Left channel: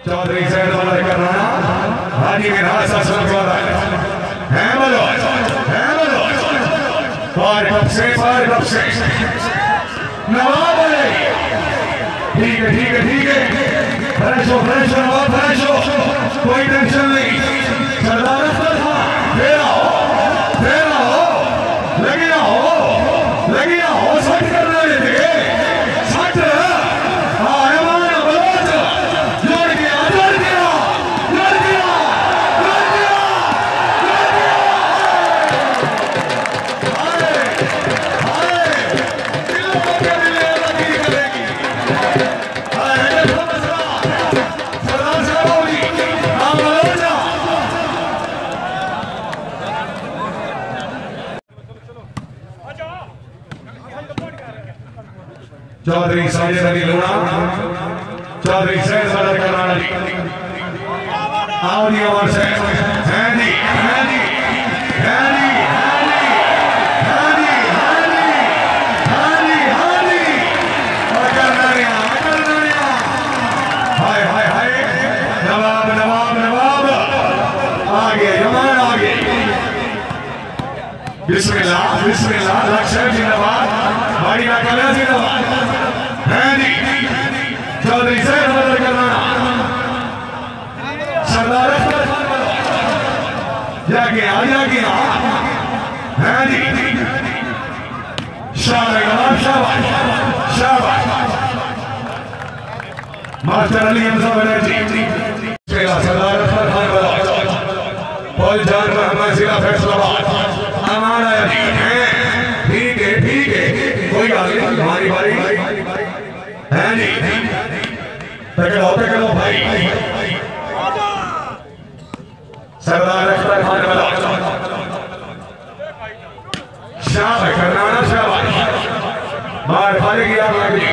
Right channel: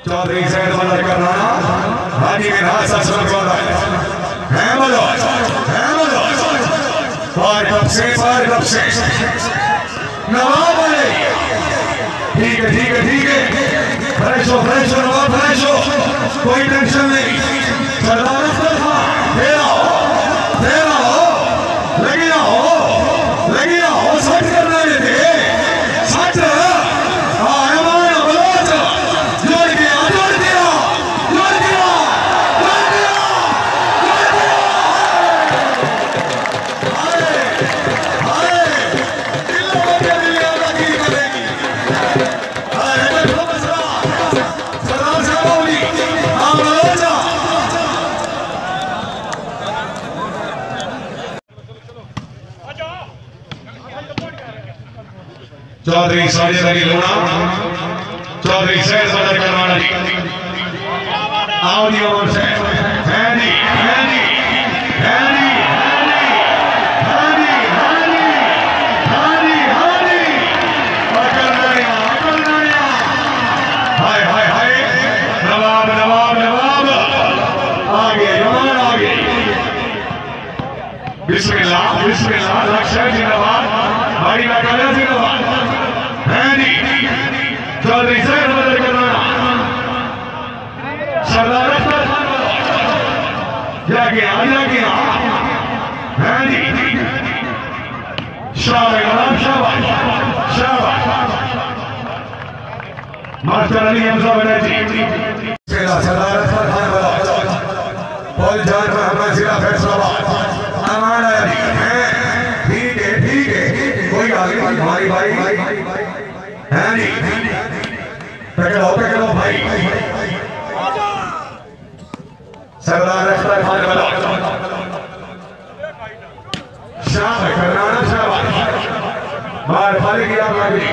Chaudhary Syed mother करवाना हाजी के रास्ता सब वाला है बोलो पार कब से नवाब है ठीक है फ्रेश हो नवाब फ्रेश हो कोई टेंशन नहीं सरदार अख्तर खां लगी हो सच करने लगे सच चौधरी साजिद अली लूणा चौधरी सैयद मदर करवाना जी ऑडियो से नवाब आगे बिस्मिल्लाह लक्ष्य जिंदाबाद बड़ी का कहना जिंदाबाद चौधरी सैयद मदर करवाना सरदार अख्तर खान जागिया शाबाश मास्टर अली हमजा बनर्जी सरदार अख्तर खान वाला फौज जान मोहम्मद जिला फैसलाबाद अमान अली ठीक है कोई आगे हमारी भाई है नहीं टकराओ भाई सरदार अख्तर खान वाला शाबाश करनाना शाबाश मार भाई की आग लगी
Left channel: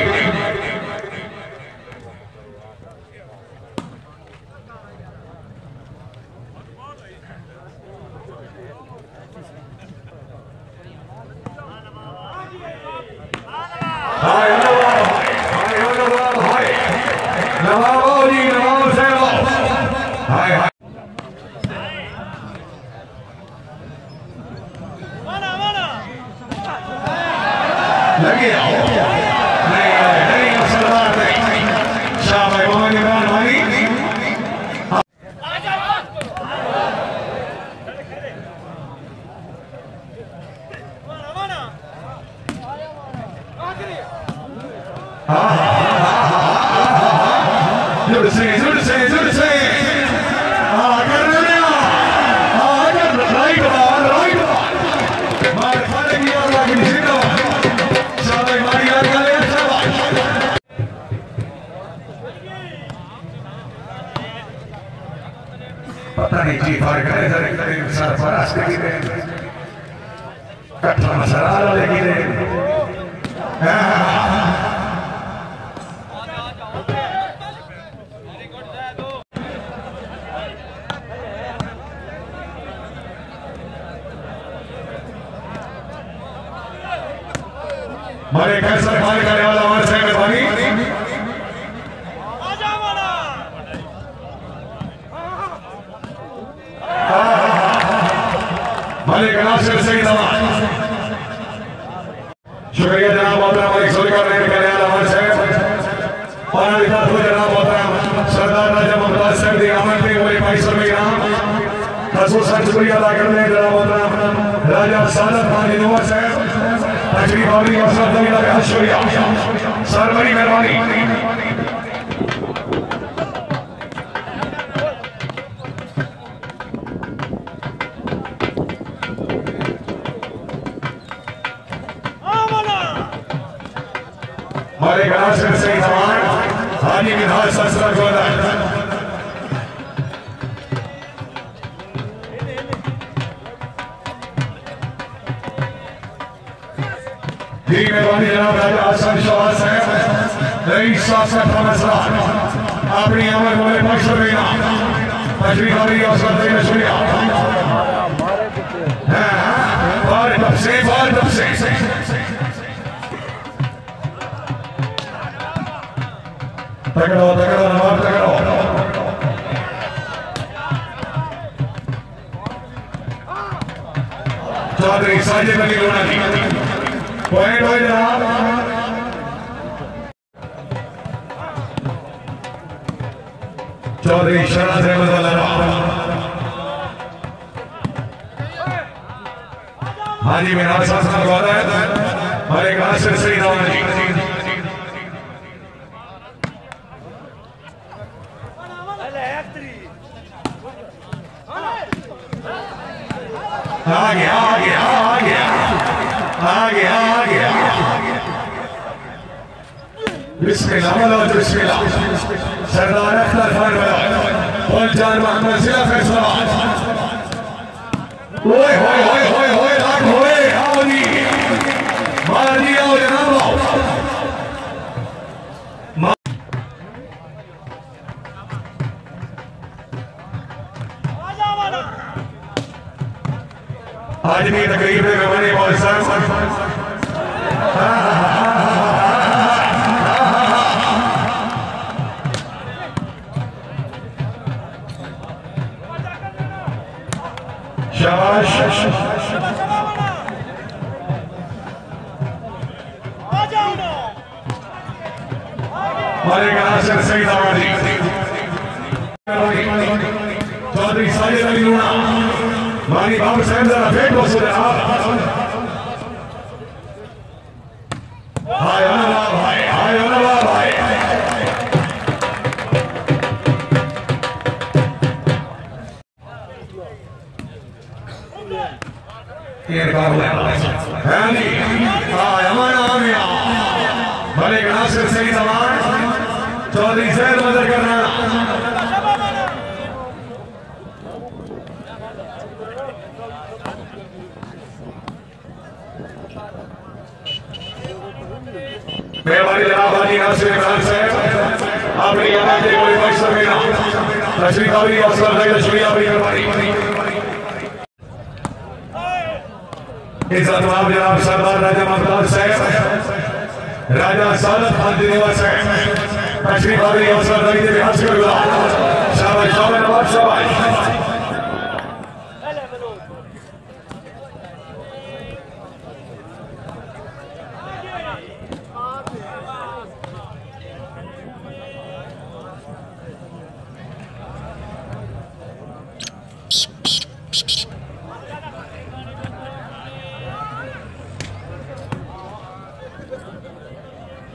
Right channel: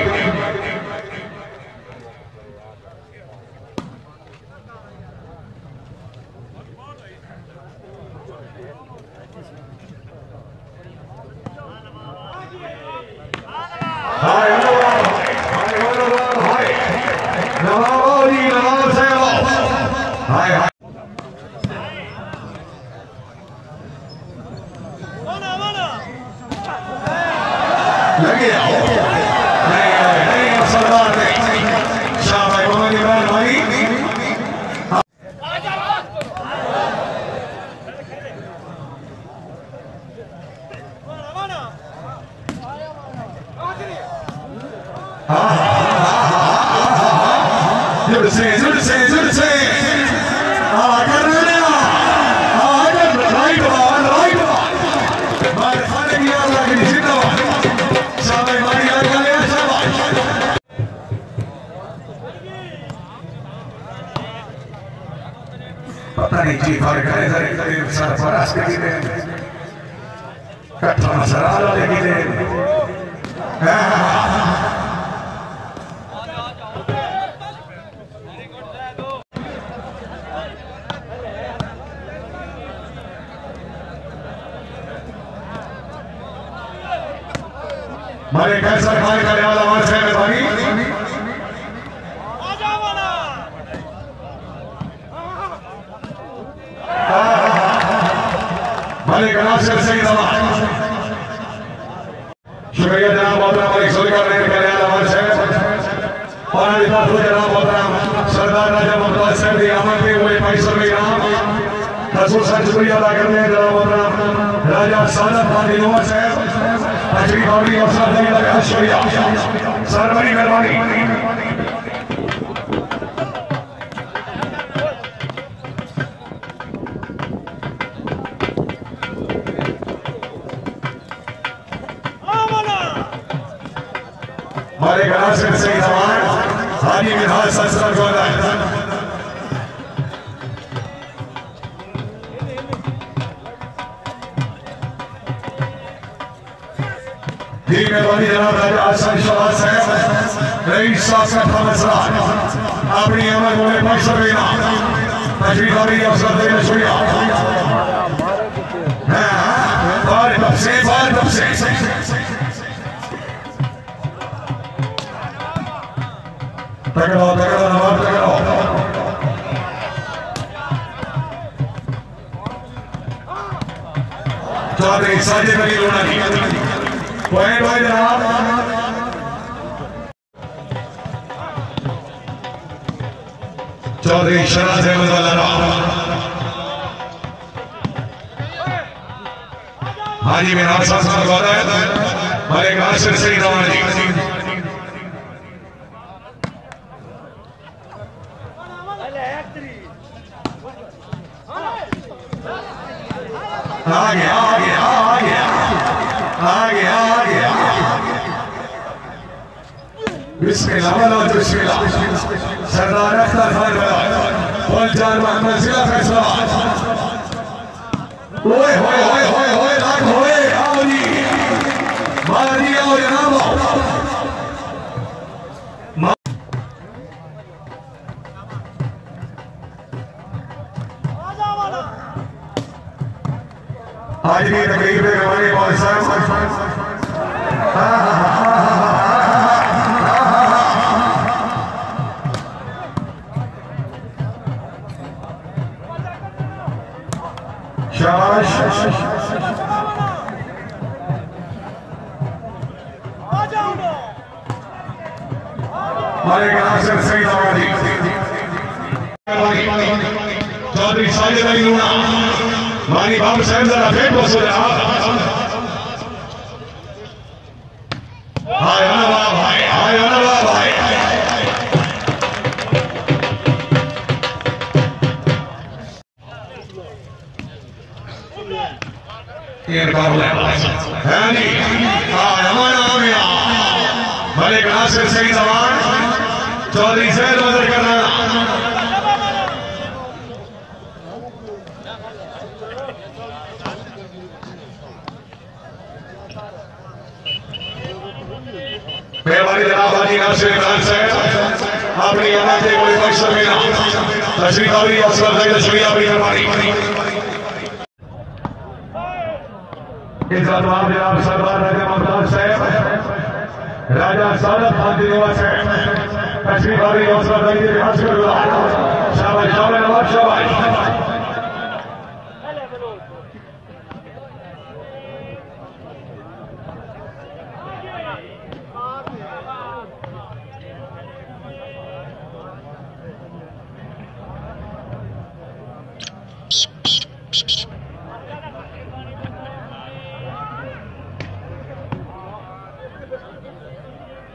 पता नहीं की फर्क है सरफराज के कट्ठा मसाला लगी हमारे कैसा खान का वाला हमारे से मेहरबानी हमारे कनाब से सही दवा शुक्रिया जनाब मोहतरम भाई सोलका रहने का याद हमारे से और जनाब मोहतरम सरदार राजा मुमताज साहब की आमद के हुए पैसों में नाम रसूल साहब शुक्रिया अदा करते हैं जनाब मोहतरम राजा सादत खान इनोवा साहब तकरीब और सब लगा शुक्रिया सर बड़ी मेहरबानी हमारे गला से सही सवाल हाजी विधान संस्था को मेहरबानी जनाब राजा आसन शाह साहब रईस साहब का मसला अपनी अमल में पैसा लेना तजवीज़ और सब देना शुक्रिया बार तब से टकराओ नवाब टकराओ चौधरी साजिद अली लोनारी पॉइंट हो जनाब। चौधरी शराज अहमद वाला हाजी में नासा साहब वाला है और एक नासिर सईद रवानी आ गया बिस्मिल्लाह बिस्मिल्लाह सरदार अख्तर खान और जान मोहम्मद जिला फैसला ओए होए होए होए होए लाख होए आओरी मारा दिया हो जनाब आज भी तकरीब में हमारे बहुत सारे चौधरी साजिद अली लोना मानी बाबू साहब जरा फेंक बस हो जा हाय अनवा भाई हाय अनवा भाई ये कर ले है नी हाय हमारा आमिया भले नासिर सईद अमान चौधरी सैयद मदद करना मेहरबानी जनाब हाजी नासिर इमरान साहब अपनी आवाज के कोई मकसद में ना तशरीफ आवी अफसर भाई तशरीफ आवी मेहरबानी इज्जत माफ जनाब सरदार राजा मुमताज साहब राजा सादत खान दिनवा साहब तशरीफ आवी अफसर भाई के हज कर शाबाश शाबाश नवाब शाबाश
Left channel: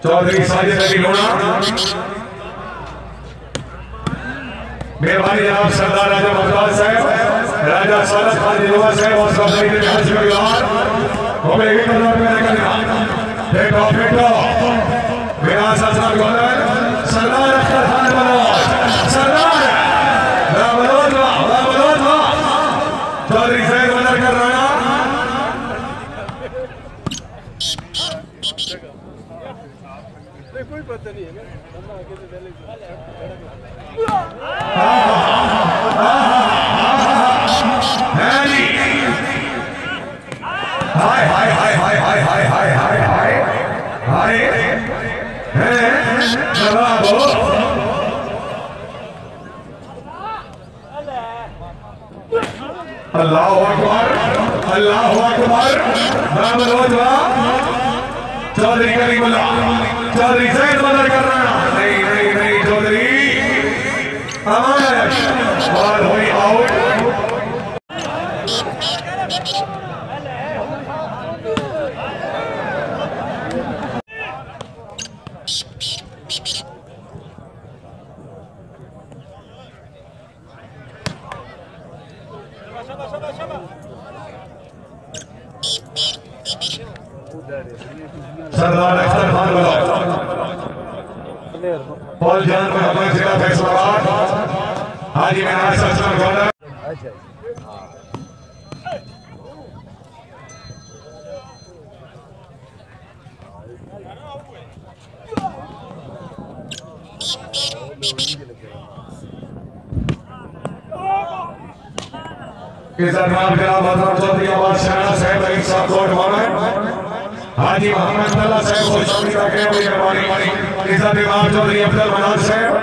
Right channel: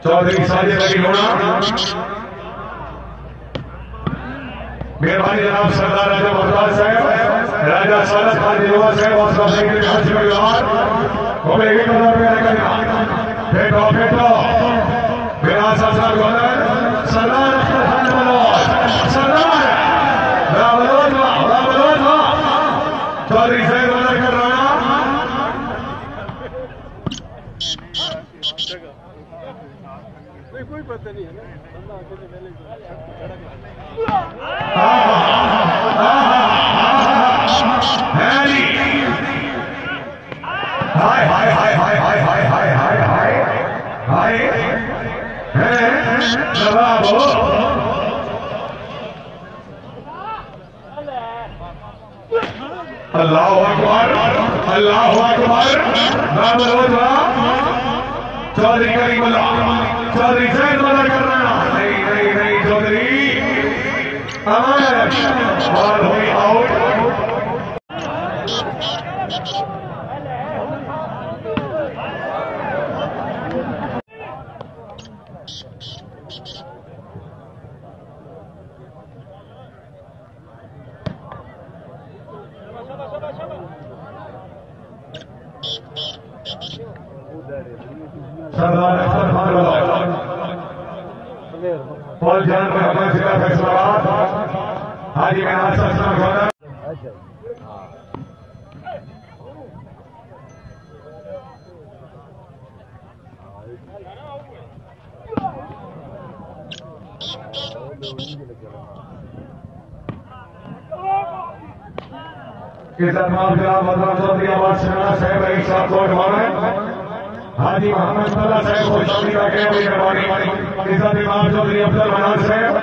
चौधरी साजिद अली लोना मेहरबानी जनाब सरदार राजा मुमताज साहब राजा सादत खान दिनवा साहब और सरदार के हज में गुजार हमें एक हजार रुपया करना फेंको मेरा सरदार गवर्नर सरदार अख्तर खान मनोज सरदार रामलोद चौधरी सैयद मदद कर रहा कोई पता नहीं है हाय हाय हाय हाय हाय हाय हाय हाय हाय हाय अल्लाह अकबर अल्लाह अकबर चौधरी करीमुल्लाह चौधरी सैयद मदद कर रहा नहीं नहीं नहीं चौधरी अमर और हुई आउट सरदार अख्तर खान फौज जान को अपने जिला फैसलाबाद हाजी का नाम सचना गौरव इज्जत नाम जनाब हजरत चौधरी आवाज शहना साहब अली साहब कोट मामे हाजी मोहम्मद अल्लाह साहब को शामिल करने वाली मेहरबानी इज्जत इमाम चौधरी अफजल मनोज साहब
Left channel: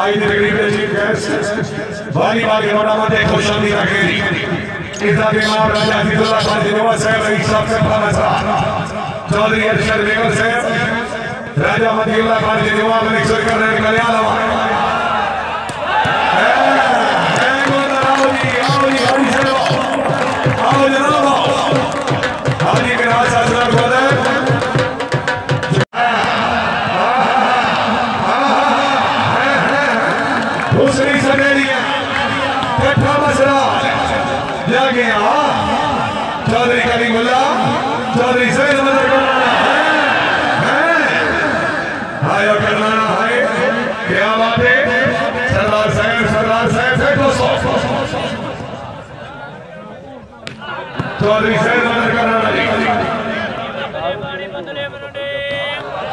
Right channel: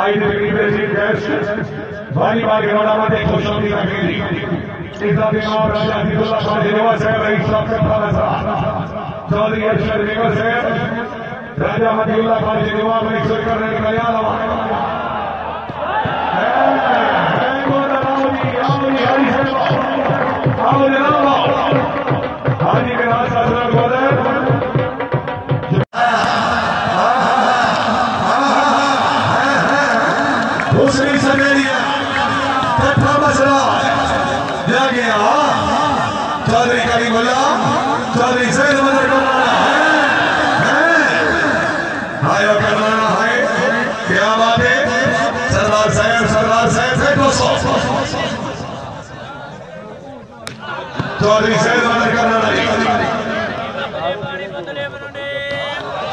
आई द चीफ गेस्ट वाली बात इमामत खुशामदी रखेगी इज्जत इमाम राजा अजीजुल्लाह खान जिनोवा से इस्लाम से खाना सा चौधरी अरशद बेगम से राजा मदीउल्लाह खान जिनोवा में इज्जत करने के लिए आला दूसरी समेलिया कट्ठा मसला जागे चौधरी करीमुल्ला चौधरी सैयद हाय करना है क्या बात है सरदार साहब है दोस्तों चौधरी सैयद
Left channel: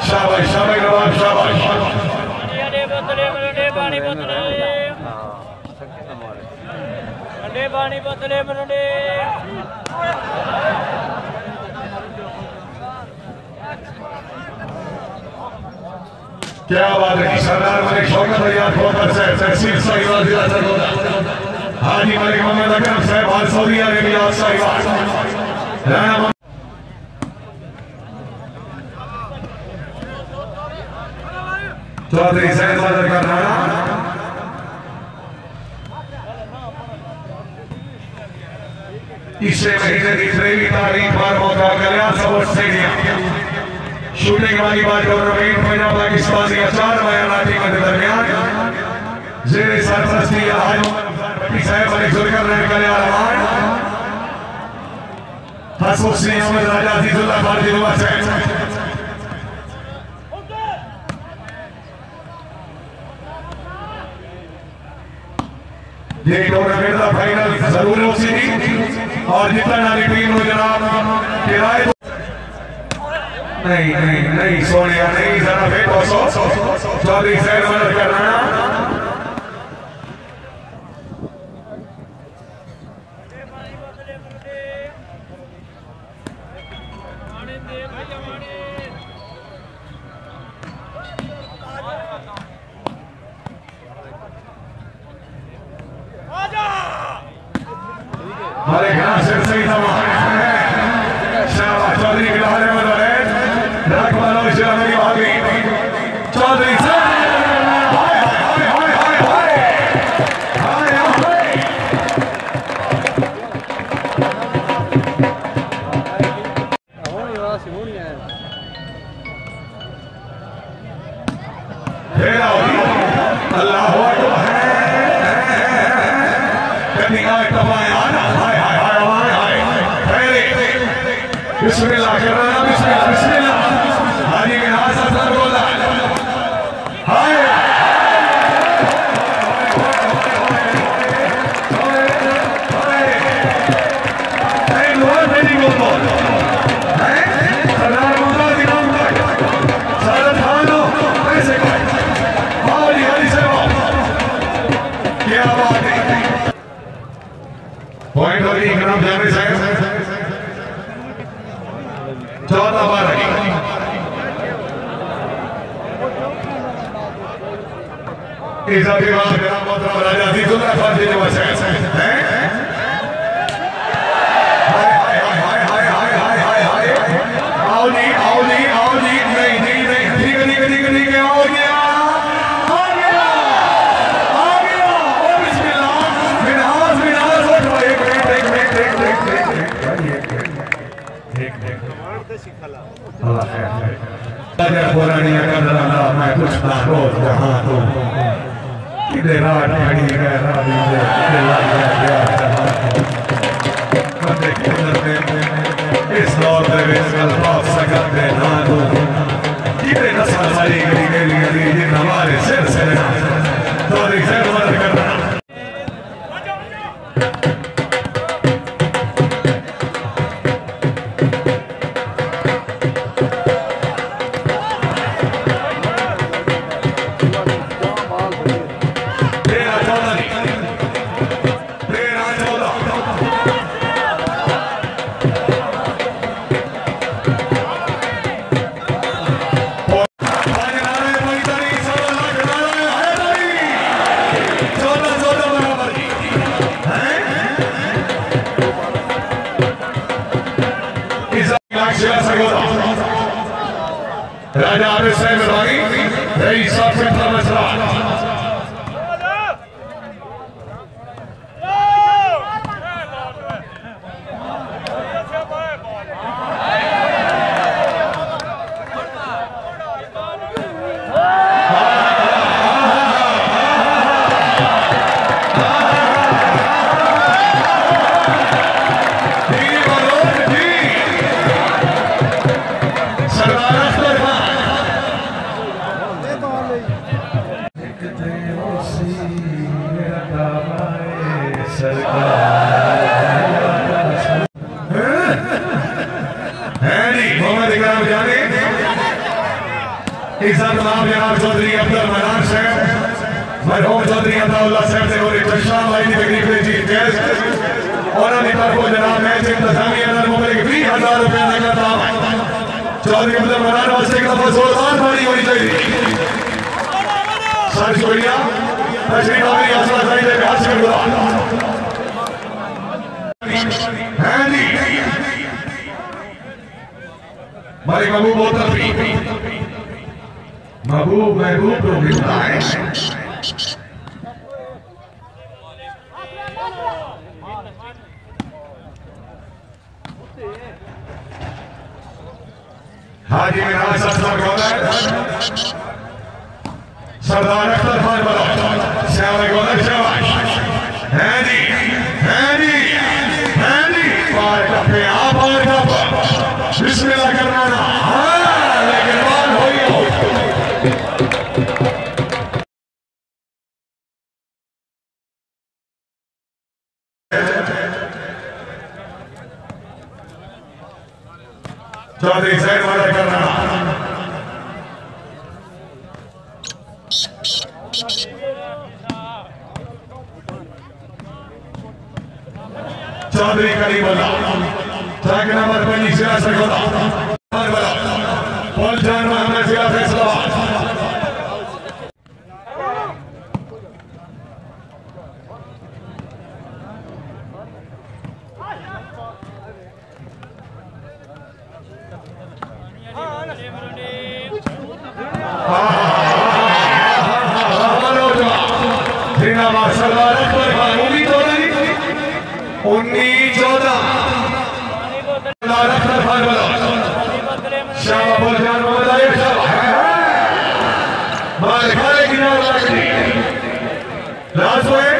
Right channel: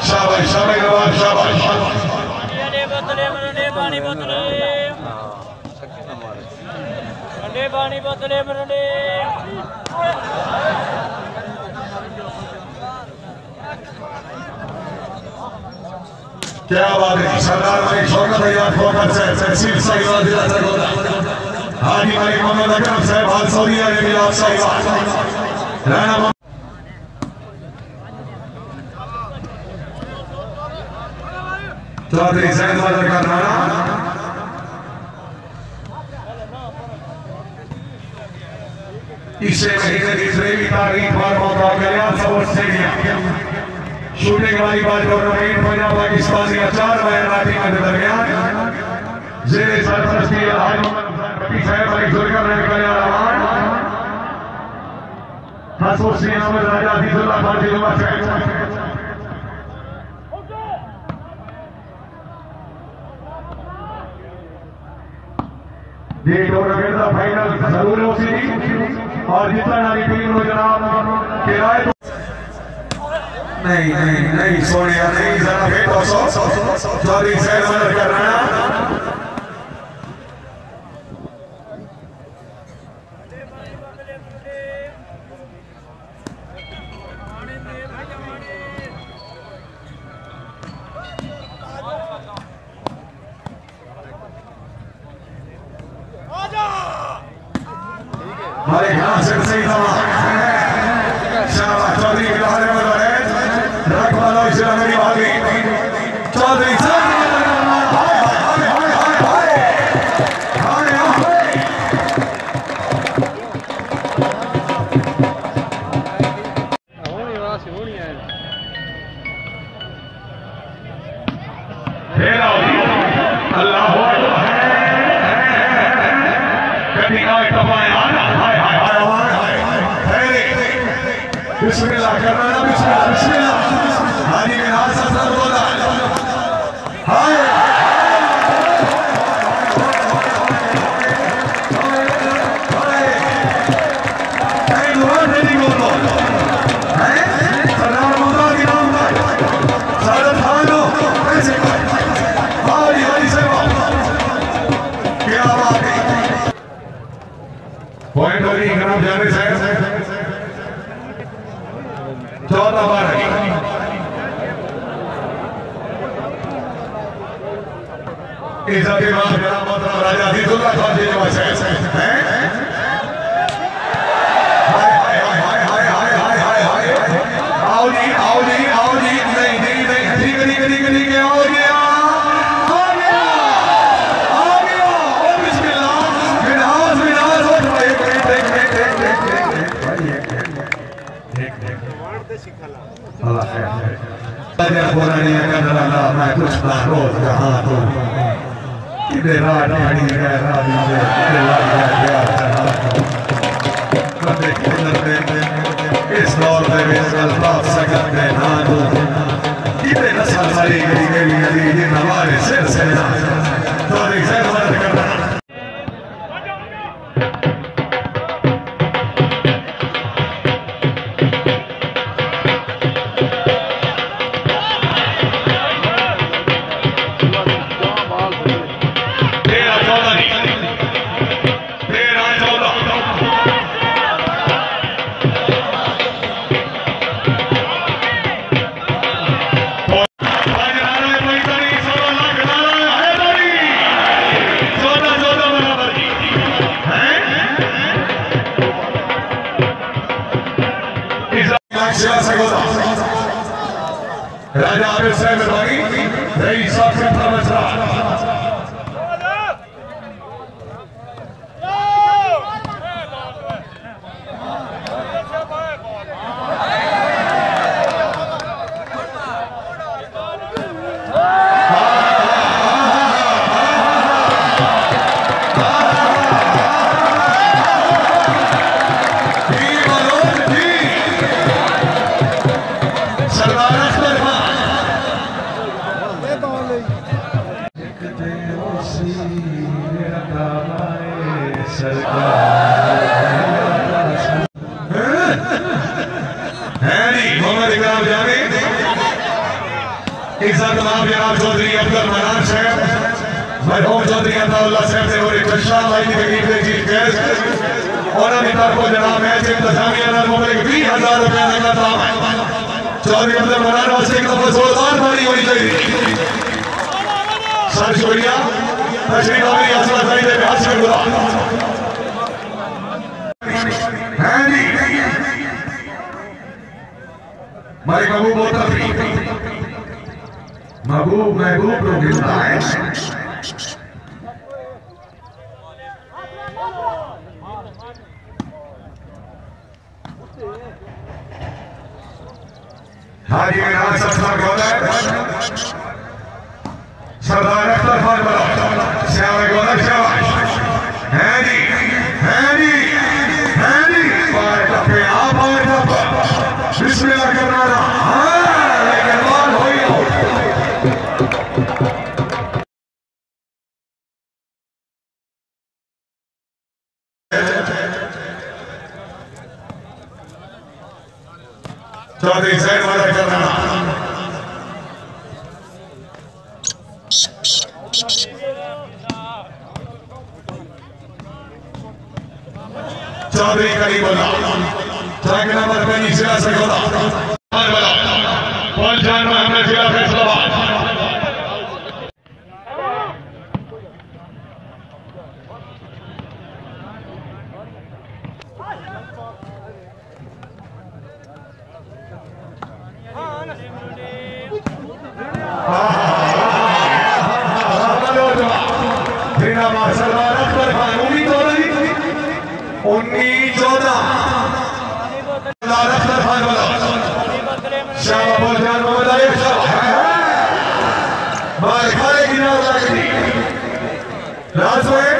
शाबाश शाबाश नवाब शाबाश ठंडे पानी बोतले मरंडे क्या बात है सरदार मलिक शौकत भैया ठोकर से तहसील साहिबा जिला सरगोदा हाजी मलिक मोहम्मद अकरम साहब हाल सऊदीया के मिलाद साहिबा राना चौधरी सैयद मदर का नाना इसे महीने की 3 तारीख पर मौका मिला स्पोर्ट्स स्टेडियम शूटिंग वाली बात टूर्नामेंट पंजाब पाकिस्तानी 4 मैदानी के दरमियान जेरे सरपरस्ती हाजी मोहम्मद साहब भाई जुलकर करने वाला खसूसी अमर राजा अजीजुल्लाह खान जिनोवा से ये टूर्नामेंट का फाइनल जरूर होगी और जितना नारी टीम हो जनाब किराए नहीं सोनिया नहीं जरा फिर 200 चौधरी सैयद मदद कर रहा हमारे यहाँ से सही शाबाश चौधरी के बारे में रख वाला इस्लाम की आगे चौधरी से बिस्मिल्लाह कर रहा है बिस्मिल्लाह हाजी के नाम से सर बोला हाय पॉइंट होगी जनाब जावेद साहब चौथा बार इज्जत इमाम जनाब मोहतरम राजा अजीजुल्लाह खान जिनोवा से हैं आओ जी नहीं ठीक है आओ जी मैं कुछ ना रोज जहाँ तो रात खड़ी इस दौर में ना दो नस्ल मरी हमारे सिर से राजा आरिफ साहब भाई रही साहब से था मसला तमाम जनाब चौधरी अब्दुल मनान साहब मरहूम चौधरी अब्दुल्ला साहब ने और चश्मा भाई की तकलीफ में जीत गए उन्होंने तरफों जनाब मैच इंतजामिया ने मुबारक 20,000 रुपए का दाम चौधरी अब्दुल मनान वास्ते एक दफा जोरदार ताली होनी चाहिए सर शुक्रिया तशरीफ भाई आसमान भाई के हाथ से बुला हैं जी भाई महबूब होता महबूब महबूब को मिलता है हाजी मेरा सरदार गौलर सरदार अख्तर खान बड़ा श्याम गौलर शाबाश हैं जी पार पे आप आए बाबा बिस्मिल्लाह करना ना लेकिन मान हो चौधरी सैन वाला करना चौधरी करीबुल्लाह ट्रैक नंबर 25 जिला सरगोदा पहुंचान मोहम्मद जिला फैसलाबाद सरदार अख्तर खान 1914 सरदार अख्तर खान वाला शाह बोलजान मोहम्मद आयर साहब भाई खाले गिरना वाली राजवाड़े